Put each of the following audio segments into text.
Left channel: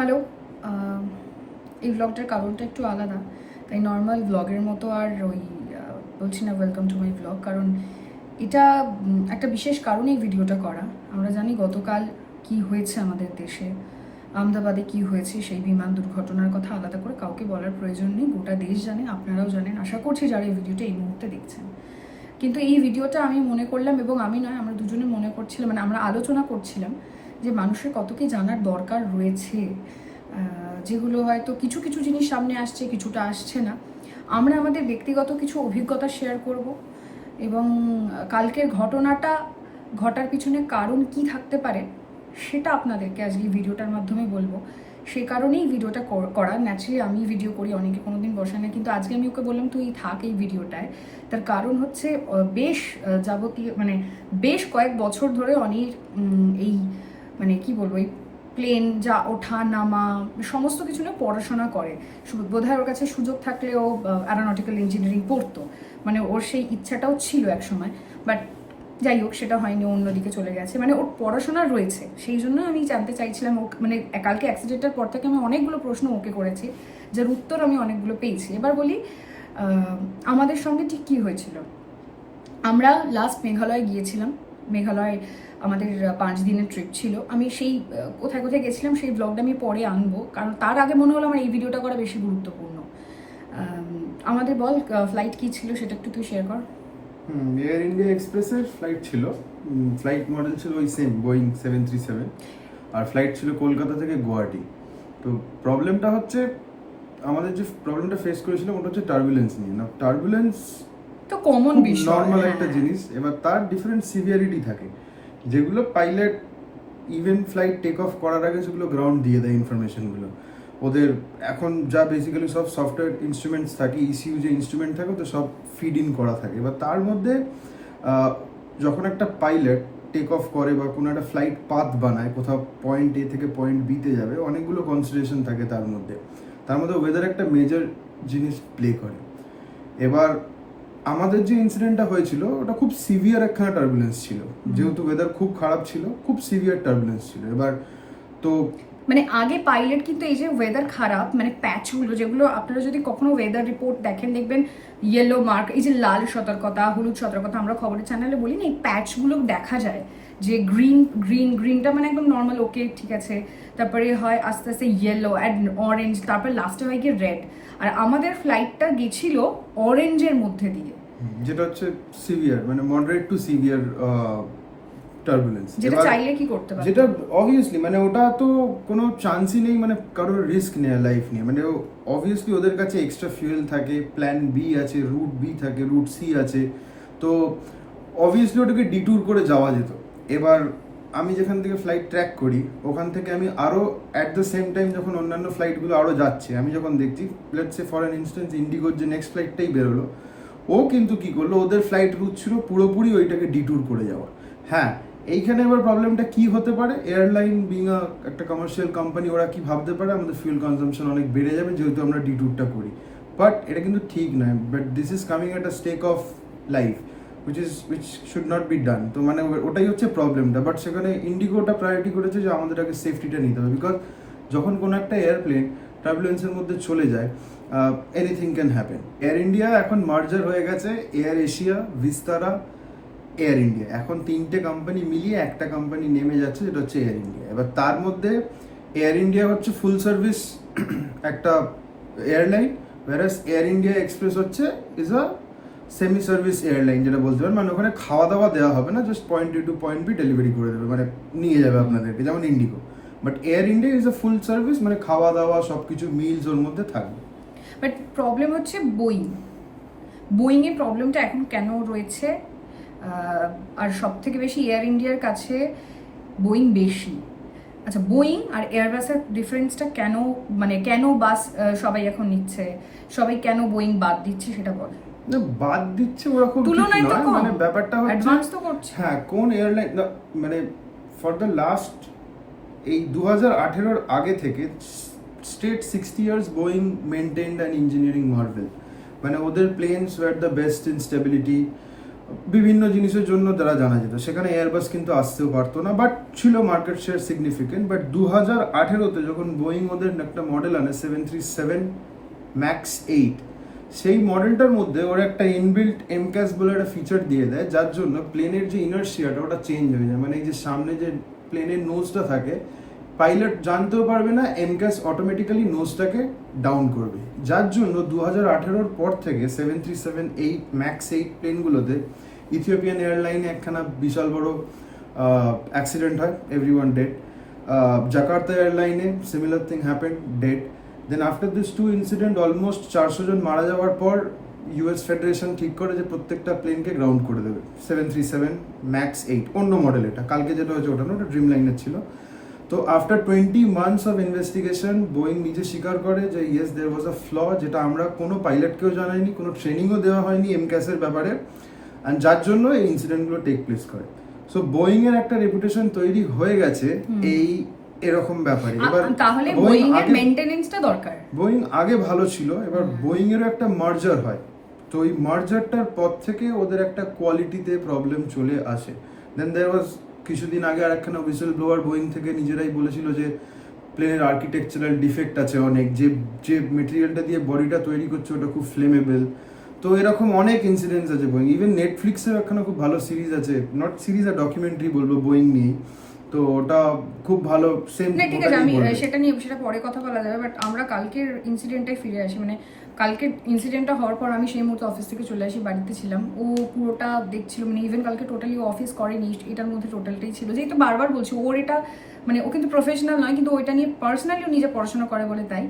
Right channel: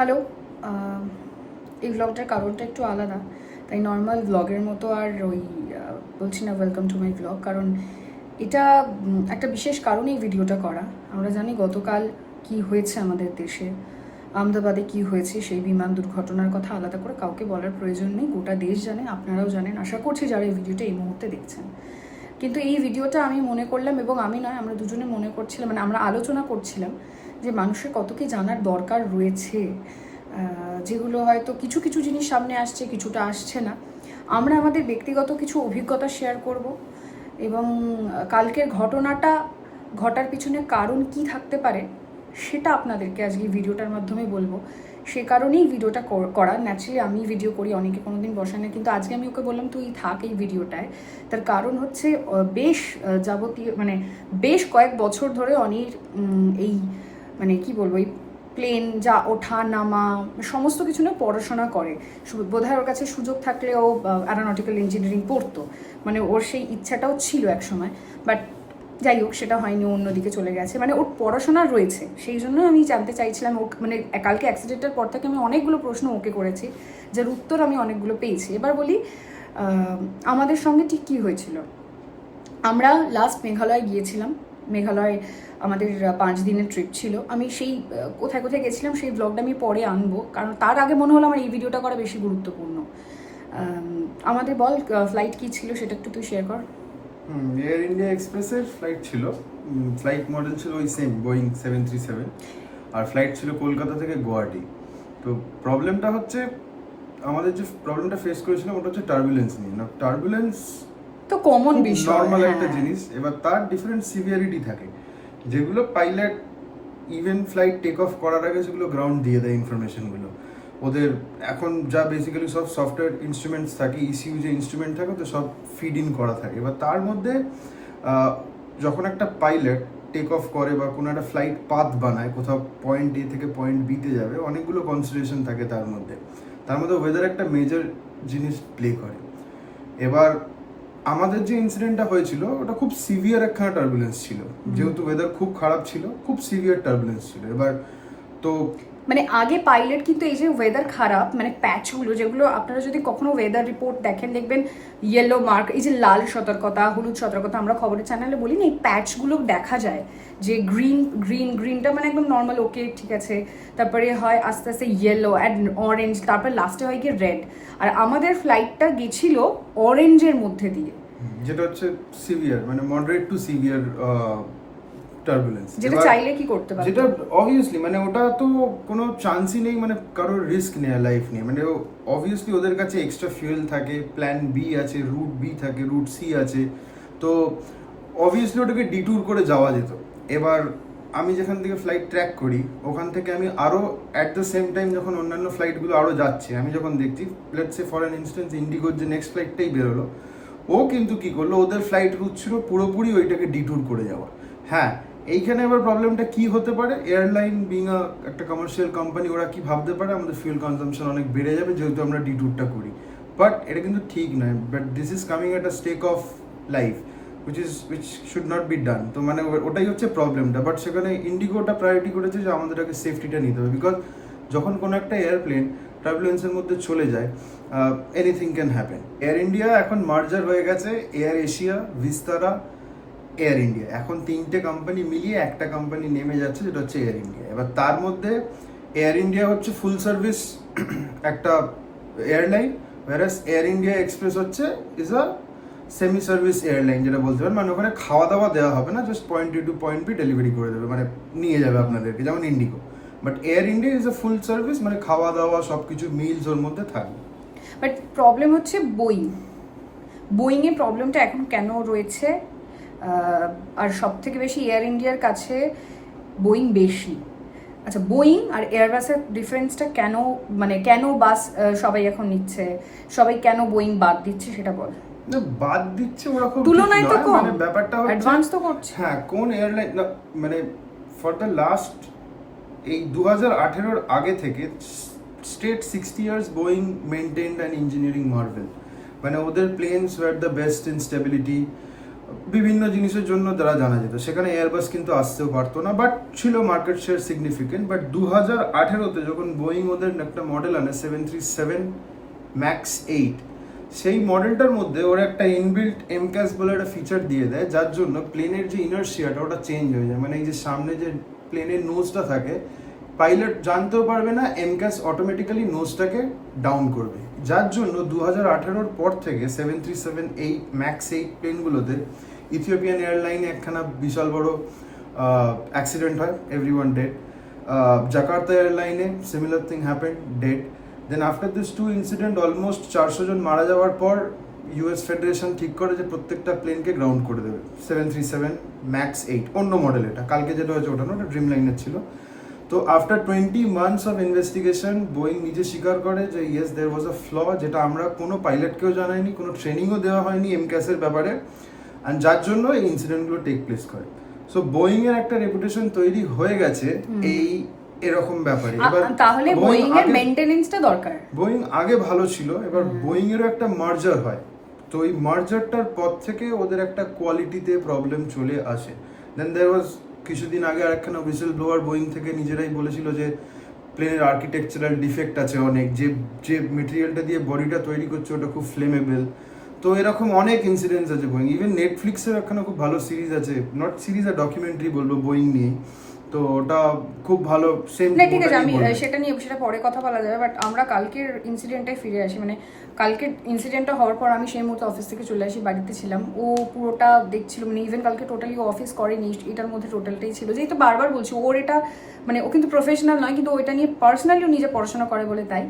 Hello. এই ব্লগটার কারণটা একটু আলাদা, তাই নর্মাল ব্লগের মতো আর ওই বলছি না ওয়েলকাম টু মাই ব্লগ, কারণ এটা একটা বিশেষ কারণে এই ভিডিওটা করা। আমরা জানি গতকাল কি হয়েছে আমাদের দেশে, আহমেদাবাদে কি হয়েছে, সেই বিমান দুর্ঘটনার কথা আলাদা করে কাউকে বলার প্রয়োজন নেই, গোটা দেশ জানে, আপনারাও জানেন, আশা করছি যারা এই ভিডিওটা এই মুহূর্তে দেখছেন। কিন্তু এই ভিডিওটা আমি মনে করলাম, এবং আমি নয়, আমরা দুজনে মনে করছিলাম, মানে আমরা আলোচনা করছিলাম যে মানুষের কত কি জানার দরকার রয়েছে, যেগুলো হয়তো কিছু কিছু জিনিস সামনে আসছে, কিছুটা আসছে না। আমরা আমাদের ব্যক্তিগত কিছু অভিজ্ঞতা শেয়ার করব, এবং কালকের ঘটনাটা ঘটার পিছনে কারণ কি থাকতে পারে সেটা আপনাদেরকে আজকে ভিডিওটার মাধ্যমে বলবো। সে কারণেই ভিডিওটা করা। ন্যাচারালি আমি ভিডিও করি, অনেকে কোনোদিন বসায় না, কিন্তু আজকে আমি ওকে বললাম তুই থাক এই ভিডিওটায়। তার কারণ হচ্ছে বেশ যাবতীয় মানে বেশ কয়েক বছর ধরে অনেক এই মানে কি বলবো, এই প্লেন যা ওঠা নামা সমস্ত কিছু না পড়াশোনা করে। বোধহয় ওর কাছে সুযোগ থাকলে ও অ্যারোনটিক্যাল ইঞ্জিনিয়ারিং পড়তো, মানে ওর সেই ইচ্ছাটাও ছিল এক সময়, বাট যাই হোক সেটা হয়নি, অন্যদিকে চলে গেছে। মানে ওর পড়াশোনা রয়েছে, সেই জন্য আমি জানতে চাইছিলাম। ও মানে কালকে অ্যাক্সিডেন্টের পর থেকে আমি অনেকগুলো প্রশ্ন ওকে করেছি, যার উত্তর আমি অনেকগুলো পেয়েছি। এবার বলি আমাদের সঙ্গে ঠিক কী হয়েছিল। আমরা লাস্ট মেঘালয় গিয়েছিলাম। মেঘালয় আমাদের 5 দিনের ট্রিপ ছিল। আমি সেই কোথায় কোথায় গেছিলাম সেই ব্লগটা আমি পরে আনবো, কারণ তার আগে মনে হলো আমার এই ভিডিওটা করা বেশি গুরুত্বপূর্ণ। আমাদের বল ফ্লাইট কী ছিল সেটা একটু তুই শেয়ার কর। এয়ার ইন্ডিয়া এক্সপ্রেসের ফ্লাইট ছিল। ফ্লাইট মডেল ছিল ওই সেম বোয়িং 737, আর ফ্লাইট ছিল কলকাতা থেকে গুয়াহাটি। তো প্রবলেমটা হচ্ছে, আমাদের যে প্রবলেমটা ফেস করেছিলাম ওটা হচ্ছে টার্বুলেন্স নিয়ে। না, টার্বুলেন্স তো কমন বিষয়, নর্মাল একটা জিনিস। এবার তার ডিফারেন্ট সিভিয়ারিটি থাকে, যেগুলো pilot even flight take off করার আগে সেগুলো গ্রাউন্ড দিয়ে দেয় ইনফরমেশনগুলো। ওদের এখন যা বেসিক্যালি সব সফটওয়্যার ইনস্ট্রুমেন্টস থাকে, ইসিউ যে ইনস্ট্রুমেন্ট থাকে তো সব ফিড ইন করা থাকে। এবার তার মধ্যে যখন একটা পাইলট টেক অফ করে বা কোনো একটা ফ্লাইট পাথ বানায়, কোথাও পয়েন্ট এ থেকে পয়েন্ট বিতে যাবে, অনেকগুলো কনসিডারেশন থাকে তার মধ্যে। তার মধ্যে ওয়েদার একটা মেজর জিনিস প্লে করে। এবার আমাদের যে ইনসিডেন্টটা হয়েছিল ওটা খুব সিভিয়ার একখানা টার্বুলেন্স ছিল, যেহেতু ওয়েদার খুব খারাপ ছিল, খুব সিভিয়ার টার্বুলেন্স ছিল। এবার তো মানে আগে পাইলট কিন্তু এই যে ওয়েদার খারাপ, মানে প্যাচগুলো, যেগুলো আপনারা যদি কখনো ওয়েদার রিপোর্ট দেখেন দেখবেন ইয়েলো মার্ক, এই যে লাল সতর্কতা, হলুদ সতর্কতা আমরা খবরের চ্যানেলে বলি না, এই প্যাচগুলো দেখা যায় যে গ্রিনটা মানে একদম নর্মাল, ওকে ঠিক আছে, তারপরে হয় আস্তে আস্তে ইয়েলো অ্যান্ড অরেঞ্জ, তারপরে লাস্টে হয় গিয়ে রেড। আর আমাদের ফ্লাইটটা গেছিল অরেঞ্জের মধ্যে দিয়ে, যেটা হচ্ছে সিভিয়ার, মানে মডারেট টু সিভিয়ার টার্বুলেন্স। যেটা চাইলে কি করতে পারে, যেটা অবভিয়াসলি মানে ওটা তো কোনো চান্সই নেই, মানে কারোর রিস্ক নেয় লাইফ নিয়ে। মানে অবভিয়াসলি ওদের কাছে এক্সট্রা ফিউয়েল থাকে, প্ল্যান বি আছে, রুট বি থাকে, রুট সি আছে। তো অবভিয়াসলি ওটাকে ডিট্যুর করে যাওয়া যেত। এবার আমি যেখান থেকে ফ্লাইট ট্র্যাক করি ওখান থেকে আমি আরও অ্যাট দ্য সেম টাইম যখন অন্যান্য ফ্লাইটগুলো আরও যাচ্ছে, আমি যখন দেখছি, let's say for an instance ইন্ডিগোর যে নেক্সট ফ্লাইটটাই বেরোলো, ও কিন্তু কি করলো, ওদের ফ্লাইট রুট ছিল পুরোপুরি ওইটাকে ডিট্যুর করে যাওয়া। হ্যাঁ, এইখানে এবার প্রবলেমটা কি হতে পারে, এয়ারলাইন বিং একটা কমার্শিয়াল কোম্পানি, ওরা কি ভাবতে পারে আমাদের ফিউল কনজাম্পশন অনেক বেড়ে যাবে যেহেতু আমরা ডিট্যুরটা করি। বাট এটা কিন্তু ঠিক নয়। But this is coming at a stake of life which should not be done. তো মানে ওটাই হচ্ছে প্রবলেমটা। বাট সেখানে ইন্ডিগোটা প্রায়োরিটি করেছে যে আমাদের আগে সেফটিটা নিতে হবে, বিকজ যখন কোনো একটা এয়ারপ্লেন টার্বুলেন্সের মধ্যে চলে যায়, anything can happen. Air India এখন মার্জার হয়ে গেছে, air Asia, Vistara, air India, এখন 3টে কোম্পানি মিলিয়ে একটা কোম্পানি নেমে যাচ্ছে, যেটা হচ্ছে এয়ার ইন্ডিয়া। এবার তার মধ্যে এয়ার ইন্ডিয়া হচ্ছে ফুল সার্ভিস একটা airline, whereas Air India Express হচ্ছে is a semi service airline, যেটা বলতে পারেন। মানে ওখানে খাওয়া দাওয়া দেওয়া হবে না, জাস্ট পয়েন্ট এ টু পয়েন্ট বি ডেলিভারি করে দেবে, মানে নিয়ে যাবে আপনাদেরকে, যেমন Indigo. But air India is a full service, মানে খাওয়া দাওয়া সব কিছু মিলস ওর মধ্যে থাকবে। বাট প্রবলেম হচ্ছে বোয়িংয়ের প্রবলেমটা এখন কেন রয়েছে, আর সব থেকে বেশি এয়ার ইন্ডিয়ার কাছে বোয়িং বেশি। আচ্ছা, বোয়িং আর এয়ারবাসের ডিফারেন্সটা কেন, মানে কেন বাস সবাই এখন নিচ্ছে, সবাই কেন বোয়িং বাদ দিচ্ছে সেটা বল। না, বাদ দিচ্ছে ওরকম তুলনায় তো কম, মানে ব্যাপারটা হচ্ছে অ্যাডভান্স তো করছে। হ্যাঁ, কোন এয়ারলাইন মানে ফর দ্য লাস্ট এই 2018-র আগে থেকে straight 60 years Boeing maintained an engineering marvel. মানে ওদের planes were the best in stability, বিভিন্ন জিনিসের জন্য যারা জানা যেত, সেখানে এয়ারবাস কিন্তু আসতেও পারতো না, বাট ছিল মার্কেট শেয়ার সিগনিফিকেন্ট। বাট 2018-তে যখন বোয়িং ওদের একটা মডেল আনে 737 ম্যাক্স 8, সেই মডেলটার মধ্যে ওরা একটা ইনবিল্ট এমক্যাস বলে একটা ফিচার দিয়ে দেয়, যার জন্য প্লেনের যে ইনার্শিয়াটা ওটা চেঞ্জ হয়ে যায়। মানে এই যে সামনে যে প্লেনের নোজটা থাকে, পাইলট জানতেও পারবে না, এমক্যাস অটোমেটিক্যালি নোজটাকে ডাউন করবে। যার জন্য 2018-র পর থেকে 737-8 ম্যাক্স 8 প্লেনগুলোতে ইথিওপিয়ান এয়ারলাইনে একখানা বিশাল বড় অ্যাক্সিডেন্ট হয়, এভরিওয়ান ডেড। জাকার্তা এয়ারলাইনে similar thing happened, dead. Then after this two incident almost 400 জন মারা যাওয়ার পর ইউএস ফেডারেশন ঠিক করে যে প্রত্যেকটা প্লেনকে গ্রাউন্ড করে দেবে। 737 ম্যাক্স 8 অন্য মডেল, এটা কালকে যেটা হয়েছে ওটা না, ওটা ড্রিম লাইনের ছিল। তো after 20 months of investigation Boeing নিজে স্বীকার করে যে ইয়েস দেয়ার ওয়াজ আ ফ্ল, যেটা আমরা কোনো পাইলটকেও জানাইনি, কোনো ট্রেনিংও দেওয়া হয়নি এমক্যাসের ব্যাপারে, অ্যান্ড যার জন্য এই ইনসিডেন্টগুলো টেক প্লেস করে। সো বোয়িং এর একটা রেপুটেশন তৈরি হয়ে গেছে এই এরকম ব্যাপারে। এবার তাহলে বোয়িং এর মেইনটেনেন্সটা দরকার। বোয়িং আগে ভালো ছিল, এবার বোয়িং এরও একটা মার্জার হয়, তো এই মার্জারটার পর থেকে ওদের একটা কোয়ালিটিতে প্রবলেম চলে আসে। দেন দেয়ার ওয়াজ কিছুদিন আগে আর একখানা হুইসেল ব্লোয়ার বোয়িং থেকে নিজেরাই বলেছিল যে প্লেনের আর্কিটেকচারাল ডিফেক্ট আছে অনেক, যে যে মেটেরিয়ালটা দিয়ে বডিটা তৈরি করছে ওটা খুব ফ্লেমেবল। তো এরকম অনেক ইনসিডেন্টস আছে বোয়িং। ইভেন নেটফ্লিক্সের একখানা খুব ভালো সিরিজ আছে, নট সিরিজ আর ডকুমেন্টারি বলবো, বোয়িং নিয়ে। তো ওটা খুব ভালো, সেম। ঠিক আছে, আমি সেটা পরে কথা বলা যাবে, বাট আমরা কালকের ইনসিডেন্টে ফিরে আসি। মানে কালকের ইনসিডেন্টটা হওয়ার পর আমি সেই মুহূর্তে অফিস থেকে চলে আসি, বাড়িতে ছিলাম। ও পুরোটা দেখছিল, মানে ইভেন কালকে টোটালি ও অফিস করেনি, এটার মধ্যে টোটালটাই ছিল। যেহেতু বারবার বলছি ওর এটা, মানে ও কিন্তু প্রফেশনাল নয়, কিন্তু ওইটা নিয়ে পার্সোনালি নিজে পড়াশোনা করে বলে তাই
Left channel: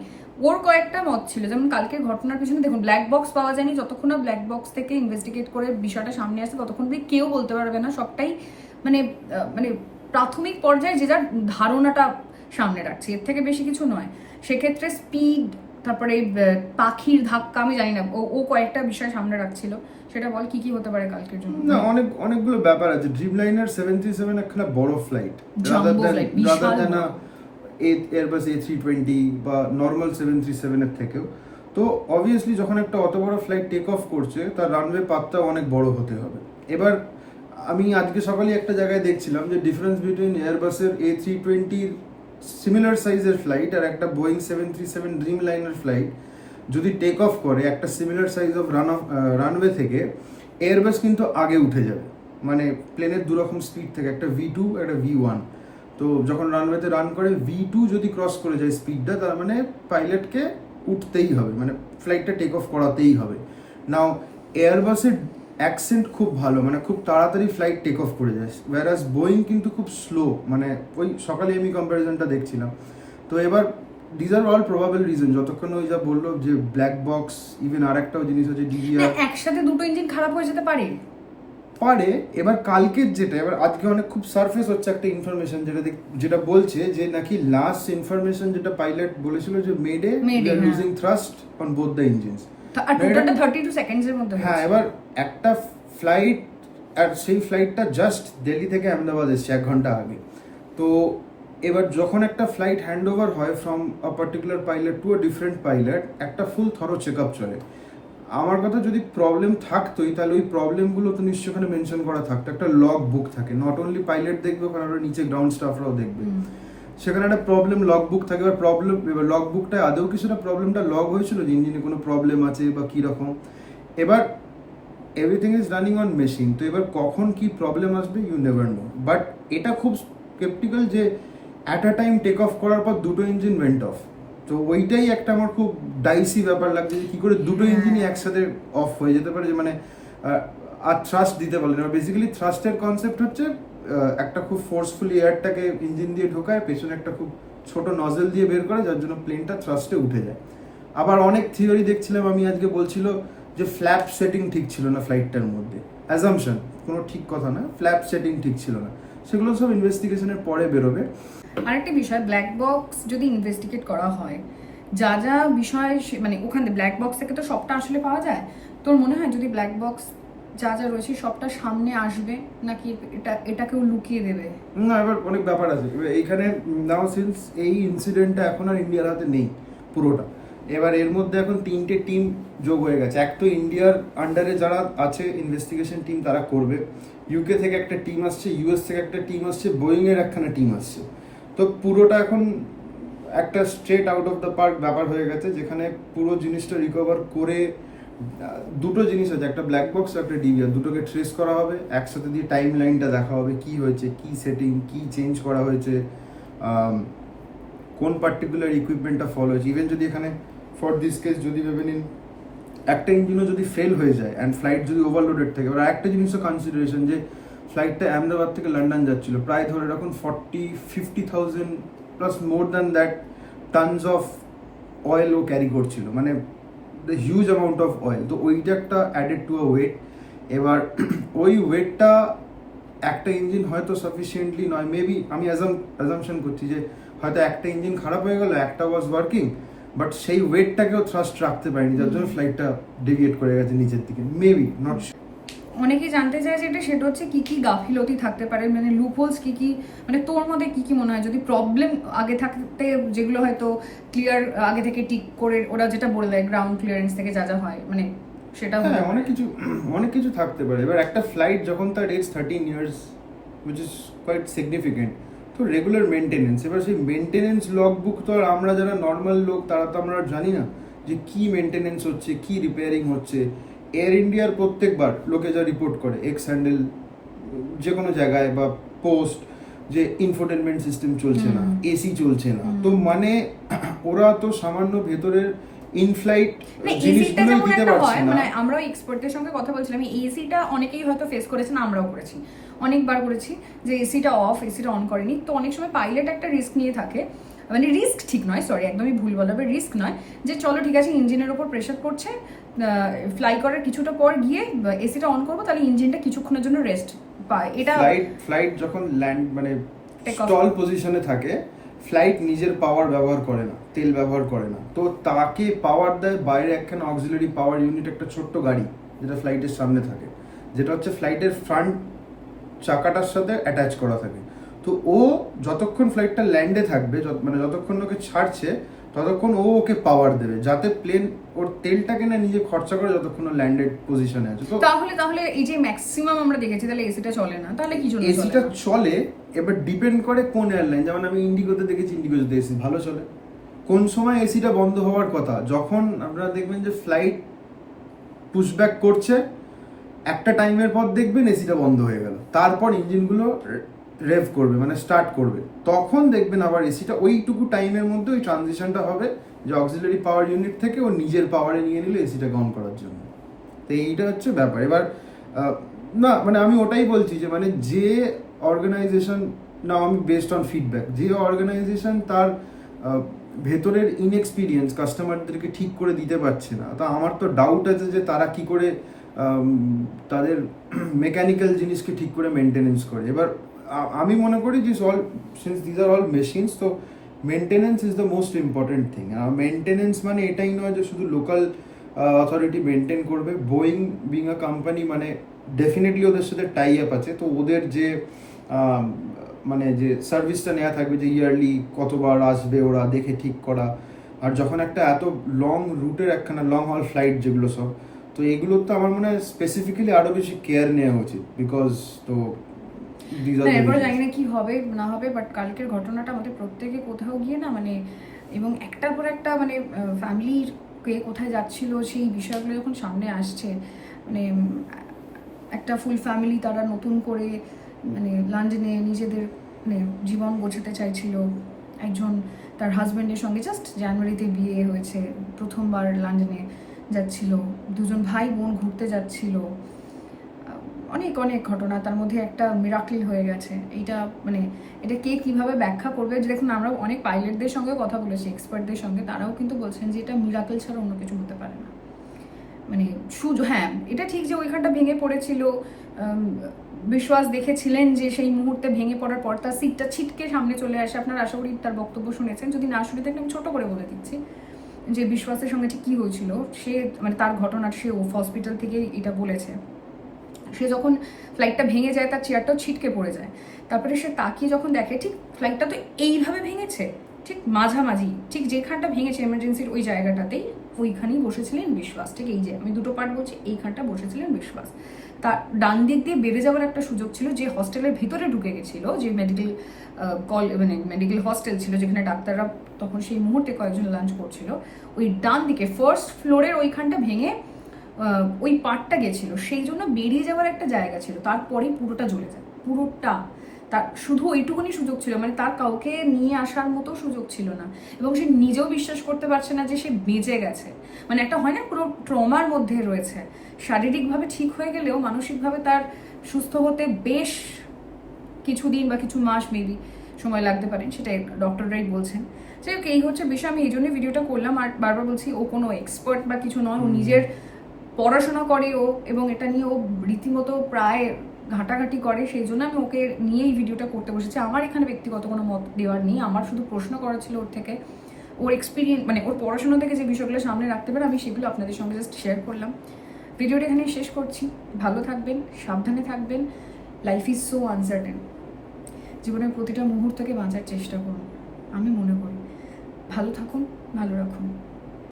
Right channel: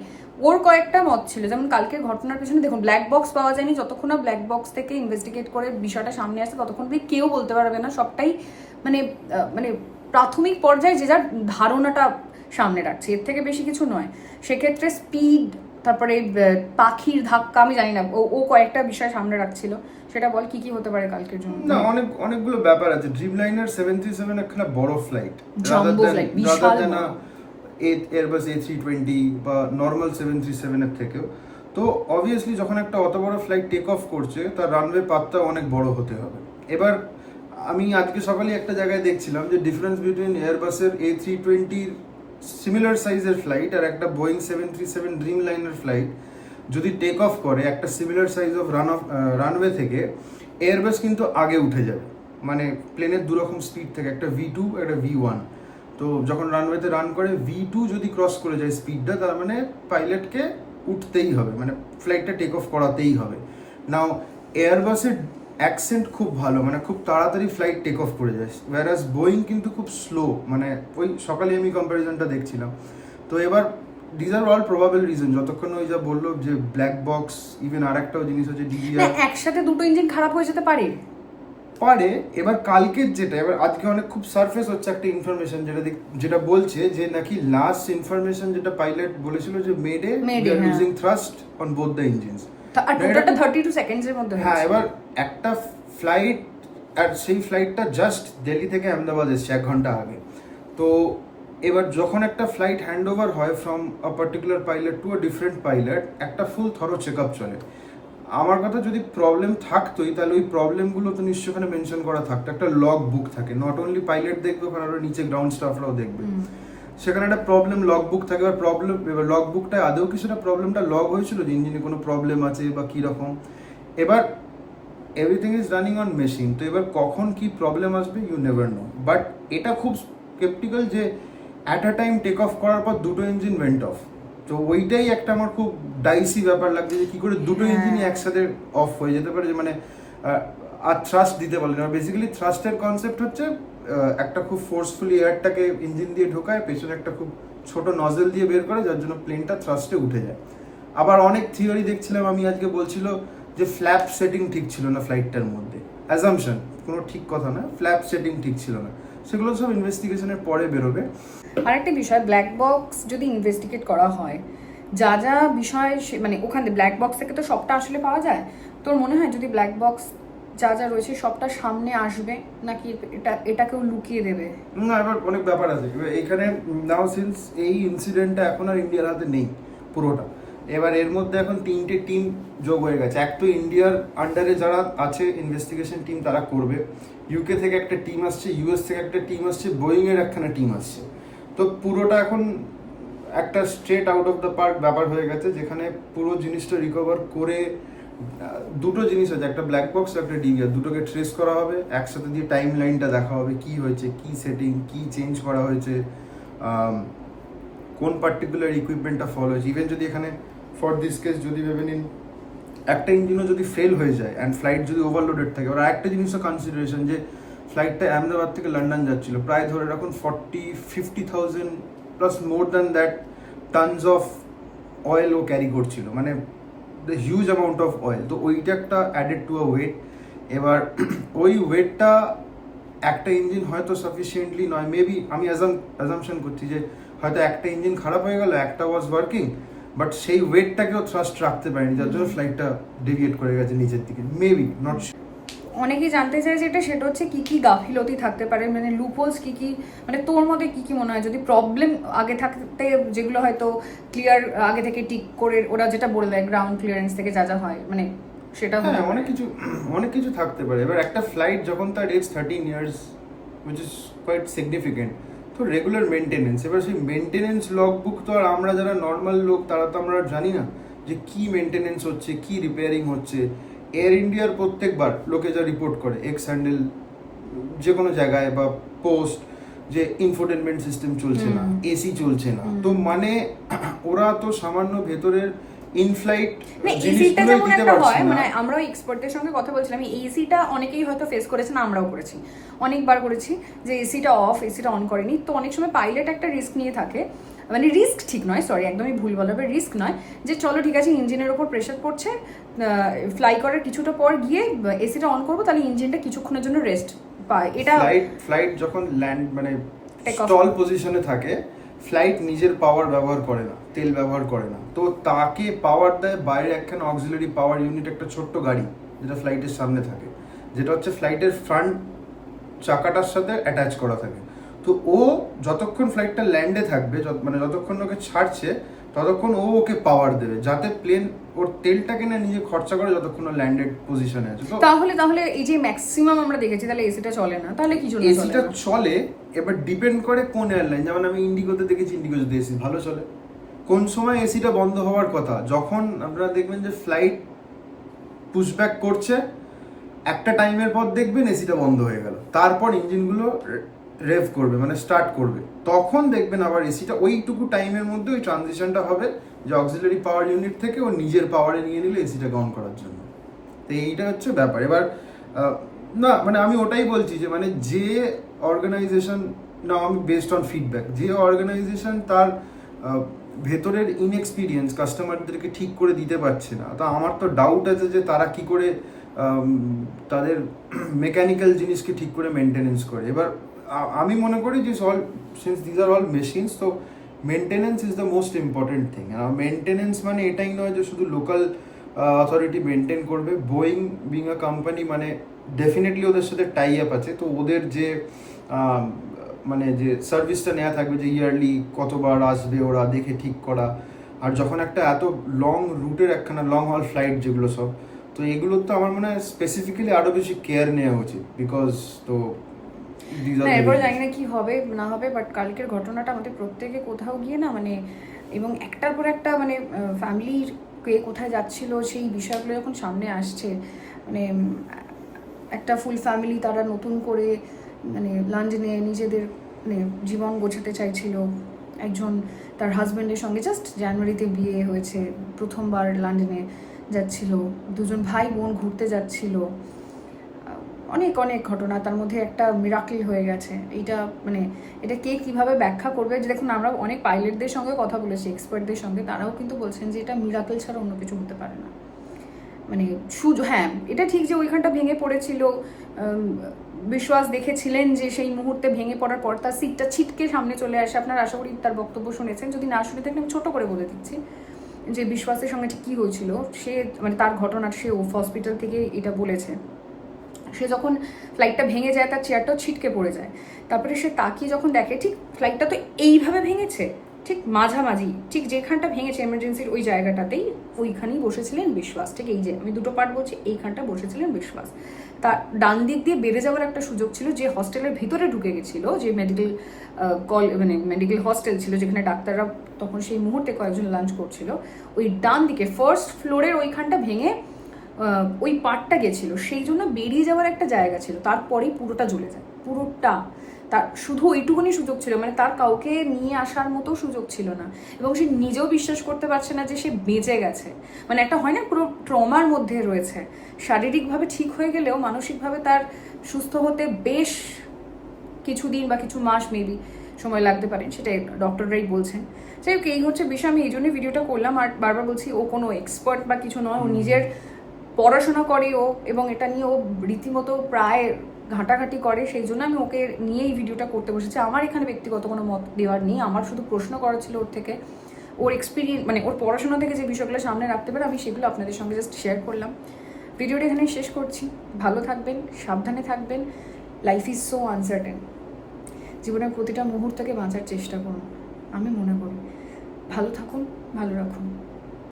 ওর কয়েকটা মত ছিল। যেমন কালকের ঘটনার পিছনে দেখুন, ব্ল্যাক বক্স পাওয়া যায়নি, যতক্ষণ না ব্ল্যাক বক্স থেকে ইনভেস্টিগেট করে বিষয়টা সামনে আসে ততক্ষণ কেউ বলতে পারবে না। সবটাই মানে মানে প্রাথমিক পর্যায়ে যে যার ধারণাটা সামনে রাখছে, এর থেকে বেশি কিছু নয়। সেক্ষেত্রে স্পিড, তারপরে পাখির ধাক্কা, আমি জানি না, ও কয়েকটা বিষয় সামনে রাখছিল। সেটা বল কি কি হতে পারে কালকের জন্য। না, অনেকগুলো ব্যাপার আছে। ড্রিম লাইনার 737 একটা বড় flight, rather than Airbus A320 বা নর্মাল 737 এর থেকেও। তো অবভিয়াসলি যখন একটা অত বড় ফ্লাইট টেক অফ করছে, তার রানওয়ে পাথটা অনেক বড় হতে হবে। এবার আমি আজকে সকালে একটা জায়গায় দেখছিলাম যে ডিফারেন্স বিটুইন এয়ারবাসের A320-র সিমিলার সাইজের ফ্লাইট আর একটা বোয়িং 737 ড্রিম লাইনার ফ্লাইট যদি টেক অফ করে একটা সিমিলার সাইজ অফ রানওয়ে থেকে, এয়ারবাস কিন্তু আগে উঠে যাবে। মানে প্লেনের দুরকম স্পিড থাকে, একটা V2 একটা V1। তো যখন রানওয়েতে রান করে V2 যদি ক্রস করে যায় স্পিডটা, তার মানে পাইলটকে উঠতেই হবে, মানে ফ্লাইটটা টেক অফ করাতেই হবে। নাও এয়ারবাসের অ্যাকসেন্ট খুব ভালো, মানে খুব তাড়াতাড়ি ফ্লাইট টেক অফ করে যায়, ওয়ারাস বোয়িং কিন্তু খুব স্লো। মানে ওই সকালে আমি কম্প্যারিজনটা দেখছিলাম। তো এবার this are all probable reason, যতক্ষণ ওই যা বললো যে ব্ল্যাক বক্স, ইভেন আর একটাও জিনিস হচ্ছে DVR, একসাথে দুটো ইঞ্জিন খারাপ হয়ে যেতে পারে। এবার কালকের যেটা, এবার আজকে অনেক খুব সারফেস হচ্ছে একটা ইনফরমেশন যেটা বলছে যে নাকি লাস্ট ইনফরমেশন যেটা পাইলট বলেছিল যে Mayday we are losing thrust on both the engines. আর টোটালটা 32 সেকেন্ডসের মধ্যে। হ্যাঁ, এবার একটা ফ্লাইট, আর সেই ফ্লাইটটা জাস্ট দিল্লি থেকে আহমেদাবাদ এসছে 1 ঘন্টা আগে। তো এবার যখন একটা ফ্লাইট হ্যান্ড ওভার হয় from a particular pilot to a different pilot, একটা ফুল থরো চেক আপ চলে। আমার কথা, যদি প্রবলেম থাকতোই তাহলে ওই প্রবলেমগুলো তো নিশ্চয় ওখানে মেনশন করা থাকতো, একটা লগ বুক থাকে, নট অনলি পাইলট দেখবে, ওখানে আরো নিচে গ্রাউন্ড স্টাফরাও দেখবে, সেখানে একটা প্রবলেম লগ বুক থাকে। এবার লগ বুকটা আদৌ কিছুটা প্রবলেমটা লগ হয়েছিল যে ইঞ্জিনে কোনো প্রবলেম আছে বা কীরকম। এবার everything is running on machine, তো এবার কখন কি প্রবলেম আসবে ইউ নেভার নো। বাট এটা খুব স্কেপটিক্যাল যে at a time take off করার পর দুটো ইঞ্জিন ওয়েন্ট অফ। তো ওইটাই একটা আমার খুব ডাইসি ব্যাপার লাগছে যে কী করে দুটো ইঞ্জিনই একসাথে অফ হয়ে যেতে পারে, যে মানে আর থ্রাস্ট দিতে পারলে না। বেসিক্যালি থ্রাস্টের কনসেপ্ট হচ্ছে একটা খুব ফোর্সফুলি এয়ারটাকে ইঞ্জিন দিয়ে ঢোকায়, পেছনে একটা খুব ছোট নজেল দিয়ে বের করে, যার জন্য প্লেনটা থ্রাস্টে উঠে যায়। আবার অনেক থিওরি দেখছিলাম আমি আজকে, বলছিল যে ফ্ল্যাপ সেটিং ঠিক ছিল না ফ্লাইটটার মধ্যে, অ্যাজাম্পশন, কোনো ঠিক কথা না, ফ্ল্যাপ সেটিং ঠিক ছিল না। সেগুলো সব ইনভেস্টিগেশনের পরে বেরোবে। আরেকটা বিষয়, ব্ল্যাক বক্স যদি ইনভেস্টিগেট করা হয়, যা যা বিষয় মানে ওখানে ব্ল্যাক বক্স থেকে তো সবটা আসলে পাওয়া যায়। তোর মনে হয় যদি ব্ল্যাক বক্স যা যা রয়েছে সবটা সামনে আসবে, নাকি এটাকেও লুকিয়ে দেবে? না, এবার অনেক ব্যাপার আছে এইখানে। নাও সিন্স এই ইনসিডেন্টটা এখন আর ইন্ডিয়ার হাতে নেই পুরোটা, এবার এর মধ্যে এখন 3টে টিম যোগ হয়ে গেছে। এক তো ইন্ডিয়ার আন্ডারে যারা আছে ইনভেস্টিগেশন টিম তারা করবে, ইউকে থেকে একটা টিম আসছে, ইউএস থেকে একটা টিম আসছে, বোয়িং এর একখানা টিম আসছে। তো পুরোটা এখন একটা straight out of the park ব্যাপার হয়ে গেছে, যেখানে পুরো জিনিসটা রিকভার করে দুটো জিনিস আছে, একটা ব্ল্যাক বক্স আর একটা ডিভিআর, দুটোকে ট্রেস করা হবে, একসাথে দিয়ে টাইম লাইনটা দেখা হবে, কি হয়েছে, কি সেটিং, কি চেঞ্জ করা হয়েছে, কোন পার্টিকুলার ইকুইপমেন্টটা ফলো হয়েছে। ইভেন যদি এখানে ফর দিস কেস যদি ভেবে নিন একটা ইঞ্জিনও যদি ফেল হয়ে যায় অ্যান্ড ফ্লাইট যদি ওভারলোডেড থাকে, আর একটা জিনিসও কনসিডারেশন যে ফ্লাইটটা আহমেদাবাদ থেকে লন্ডন যাচ্ছিল, প্রায় ধরে রাখুন 40-50,000 plus more than that tons of oil ও ক্যারি করছিল, মানে the huge amount of oil. তো ওইটা একটা অ্যাডেড টু আ ওয়েট। এবার ওই ওয়েটটা একটা ইঞ্জিন হয়তো সাফিসিয়েন্টলি নয়, মেবি আমি অ্যাজামশন করছি যে হয়তো একটা ইঞ্জিন খারাপ হয়ে গেল, একটা ওয়াজ ওয়ার্কিং, বাট সেই ওয়েটটাকেও থ্রাস্ট রাখতে পারেনি, যার জন্য ফ্লাইটটা ডেভিয়েট করে গেছে নিচের দিকে, মেবি নট। অনেকেই জানতে চায় সেটা হচ্ছে কি কি গাফিলতি থাকতে পারে, মানে লুপহোলস কি কি, মানে তোর মধ্যে কি কি মনে হয় যদি প্রবলেম আগে থাকতে, যেগুলো হয়তো ক্লিয়ার আগে থেকে টিক করে ওরা যেটা বলে দেয় গ্রাউন্ড ক্লিয়ারেন্স থেকে যা যা হয়, মানে সেটা হ্যাঁ, অনেক কিছু থাকতে পারে। এবার একটা ফ্লাইট যখন তার age 13 years, which is quite significant, তো রেগুলার মেনটেনেন্স, এবার সেই মেনটেনেন্স লগ বুক তো আর আমরা যারা নর্মাল লোক তারা তো আমরা জানি না যে কি মেনটেনেন্স হচ্ছে, কি রিপেয়ারিং হচ্ছে। এয়ার ইন্ডিয়ার প্রত্যেকবার লোকে যা রিপোর্ট করে এক্স হ্যান্ডেল যে কোনো জায়গায় বা পোস্ট, যে ইনফোটেনমেন্ট সিস্টেম চলছে না, এসি চলছে না, তো মানে ওরা তো সামান্য ভেতরের ইনফ্লাইট জিনিসগুলোই দিতে পারছে না। মানে আমরাও এক্সপার্টদের সঙ্গে কথা বলছিলাম, এসিটা অনেকেই হয়তো ফেস করেছেন, আমরাও করেছি, অনেকবার করেছি, যে এসিটা অফ, এসিটা অন করেনি। তো অনেক সময় পাইলট একটা রিস্ক নিয়ে থাকে, মানে রিস্ক ঠিক নয়, সরি একদমই ভুল বলা হবে, রিস্ক নয়, যে চলো ঠিক আছে ইঞ্জিনের ওপর প্রেশার পড়ছে, ফ্লাই করার কিছুটা পর গিয়ে এসিটা অন করবো, তাহলে ইঞ্জিনটা কিছুক্ষণের জন্য রেস্ট পায়। এটা ফ্লাইট যখন ল্যান্ড মানে স্টল পজিশনে থাকে, ফ্লাইট নিজের পাওয়ার ব্যবহার করে না, তেল ব্যবহার করে না, তো তাকে পাওয়ার দেয় বাইরে একখানা অক্সিলারি পাওয়ার ইউনিট, একটা ছোট্ট গাড়ি যেটা ফ্লাইটের সামনে থাকে, যেটা হচ্ছে ফ্লাইটের ফ্রন্ট চাকাটার সাথে অ্যাটাচ করা থাকে। তো ও যতক্ষণ ফ্লাইটটা ল্যান্ডে থাকবে, মানে যতক্ষণ ওকে ছাড়ছে ততক্ষণ ও ওকে পাওয়ার দেবে, যাতে প্লেন ওর তেলটাকে না নিজে খরচা করে যতক্ষণ ও ল্যান্ডেড পজিশনে আছে। তো তাহলে এই যে ম্যাক্সিমাম আমরা দেখেছি, তাহলে এসিটা চলে না, তাহলে কি জন্য এসিটা চলে? এবার ডিপেন্ড করে কোন এয়ারলাইন, যেমন আমি ইন্ডিগোতে দেখেছি, ইন্ডিগোতে এসি ভালো চলে। কোন সময় এসিটা বন্ধ হওয়ার কথা, যখন আপনারা দেখবেন যে ফ্লাইট পুশব্যাক করছে, একটা টাইমের পর দেখবেন এসিটা বন্ধ হয়ে গেল, তারপর ইঞ্জিনগুলো রেভ করবে, মানে স্টার্ট করবে, তখন দেখবেন আবার এসিটা ওইটুকু টাইমের মধ্যে ওই ট্রানজিশনটা হবে যে অক্সিলারি পাওয়ার ইউনিট থেকে ও নিজের পাওয়ারে নিয়ে নিলে এসিটাকে অন করার জন্য। তো এইটা হচ্ছে ব্যাপার। এবার না মানে আমি ওটাই বলছি যে মানে যে অর্গানাইজেশন, না আমি বেসড অন ফিডব্যাক, যে অর্গানাইজেশন তার ভেতরের ইনএক্সপিরিয়েন্স কাস্টমারদেরকে ঠিক করে দিতে পারছে না, তো আমার তো ডাউট আছে যে তারা কি করে তাদের মেকানিক্যাল জিনিসকে ঠিক করে মেনটেনেন্স করে। এবার আমি মনে করি যে since these are all machines, তো maintenance is the most important thing. Maintenance মানে এটাই নয় যে শুধু লোকাল অথরিটি মেনটেন করবে। বোয়িং বিং আ কোম্পানি মানে ডেফিনেটলি ওদের সাথে টাই আপ আছে, তো ওদের যে মানে যে সার্ভিসটা নেওয়া থাকবে, যে ইয়ারলি কতবার আসবে ওরা দেখে ঠিক করা, আর যখন একটা এত লং রুটের একখানা লং হল ফ্লাইট যেগুলো সব, তো এগুলোর তো আমার মনে হয় স্পেসিফিক্যালি আরও বেশি কেয়ার নেওয়া উচিত, বিকজ তো এরপরে জানি না কি হবে না হবে, বাট কালকের ঘটনাটা আমাদের প্রত্যেকে কোথাও গিয়ে না মানে, এবং একটার পর একটা মানে ফ্যামিলির কে কোথায় যাচ্ছিল সেই বিষয়গুলো যখন সামনে আসছে, মানে একটা ফুল ফ্যামিলি তারা নতুন করে মানে লন্ডনে নিজেদের মানে জীবন গোছাতে চাইছিল। একজন তার হাজব্যান্ডের সঙ্গে জাস্ট জানুয়ারিতে বিয়ে হয়েছে, প্রথমবার লন্ডনে যাচ্ছিল, দুজন ভাই বোন ঘুরতে যাচ্ছিল, অনেক অনেক ঘটনা, তার মধ্যে একটা মিরাকল হয়ে গেছে। এইটা মানে এটা কে কীভাবে ব্যাখ্যা করবে, যে দেখুন আমরা অনেক পাইলটদের সঙ্গে কথা বলেছি, এক্সপার্টদের সঙ্গে, তারাও কিন্তু বলছেন যে এটা মিরাকল ছাড়া অন্য কিছু হতে পারে না। মানে হ্যাঁ এটা ঠিক যে ওইখানটা ভেঙে পড়েছিল, বিশ্বাস দেখেছিলেন যে সেই মুহূর্তে ভেঙে পড়ার পর তার সিটটা ছিটকে সামনে চলে আসে। আপনারা আশা করি তার বক্তব্য শুনেছেন, যদি না শুনে থাকেন আমি ছোট করে বলে দিচ্ছি যে বিশ্বাসের সঙ্গে ঠিক কী হয়েছিল। সে মানে তার ঘটনা সে হসপিটাল থেকে এটা বলেছে, সে যখন ফ্লাইটটা ভেঙে যায় তার চেয়ারটাও ছিটকে পড়ে যায়, তারপরে সে তাকিয়ে যখন দেখে ঠিক ফ্লাইটটা তো এইভাবে ভেঙেছে, ঠিক মাঝামাঝি, ঠিক যেখানটা ভেঙেছে এমার্জেন্সির ওই জায়গাটাতেই, ওইখানেই বসেছিলেন বিশ্বাস। ঠিক এই যে আমি দুটো পার্ট বলছি, এইখানটা বসেছিলেন বিশ্বাস। তার ডান দিক দিয়ে বেড়ে যাওয়ার একটা সুযোগ ছিল, যে হস্টেলের ভিতরে ঢুকে গেছিল, যে মেডিকেল মানে মেডিকেল হস্টেল ছিল যেখানে ডাক্তাররা তখন সেই মুহূর্তে কয়েকজন লাঞ্চ করছিল, ওই ডান দিকে ফার্স্ট ফ্লোরের ওইখানটা ভেঙে ওই পার্টটা গেছিল, সেই জন্য বেরিয়ে যাওয়ার একটা জায়গা ছিল, তারপরেই পুরোটা জ্বলে যায়, পুরোটা। তার শুধু ওইটুকুনি সুযোগ ছিল, মানে তার কাউকে নিয়ে আসার মতো সুযোগ ছিল না, এবং সে নিজেও বিশ্বাস করতে পারছে না যে সে বেঁচে গেছে। মানে একটা হয় না, পুরো ট্রমার মধ্যে রয়েছে, শারীরিকভাবে ঠিক হয়ে গেলেও মানসিকভাবে তার সুস্থ হতে বেশ কিছুদিন বা কিছু মাস মেবি সময় লাগতে পারে, সেটা ডক্টররাই বলছেন। যাই হোক, এই হচ্ছে বিষয়। আমি এই জন্যই ভিডিওটা করলাম, আর বারবার বলছি ও কোনো এক্সপার্ট বা কিছু নয়, ও নিজের পড়াশোনা করে ও, এবং এটা নিয়ে ও রীতিমতো প্রায় ঘাটাঘাটি করে, সেই জন্য আমি ওকে নিয়েই ভিডিওটা করতে বসেছি। আমার এখানে ব্যক্তিগত কোনো মত দেওয়ার নেই, আমার শুধু প্রশ্ন করা ছিল ওর থেকে, ওর এক্সপিরিয়েন্স মানে ওর পড়াশোনা থেকে যে বিষয়গুলো সামনে রাখতে পারে আমি সেগুলো আপনাদের সঙ্গে জাস্ট শেয়ার করলাম। ভিডিওটা এখানে শেষ করছি। ভালো থাকবেন, সাবধানে থাকবেন। Life is so uncertain. জীবনের প্রতিটা মুহূর্তকে বাঁচার চেষ্টা করুন, আমি মনে করি। ভালো থাকুন, ভালো রাখুন।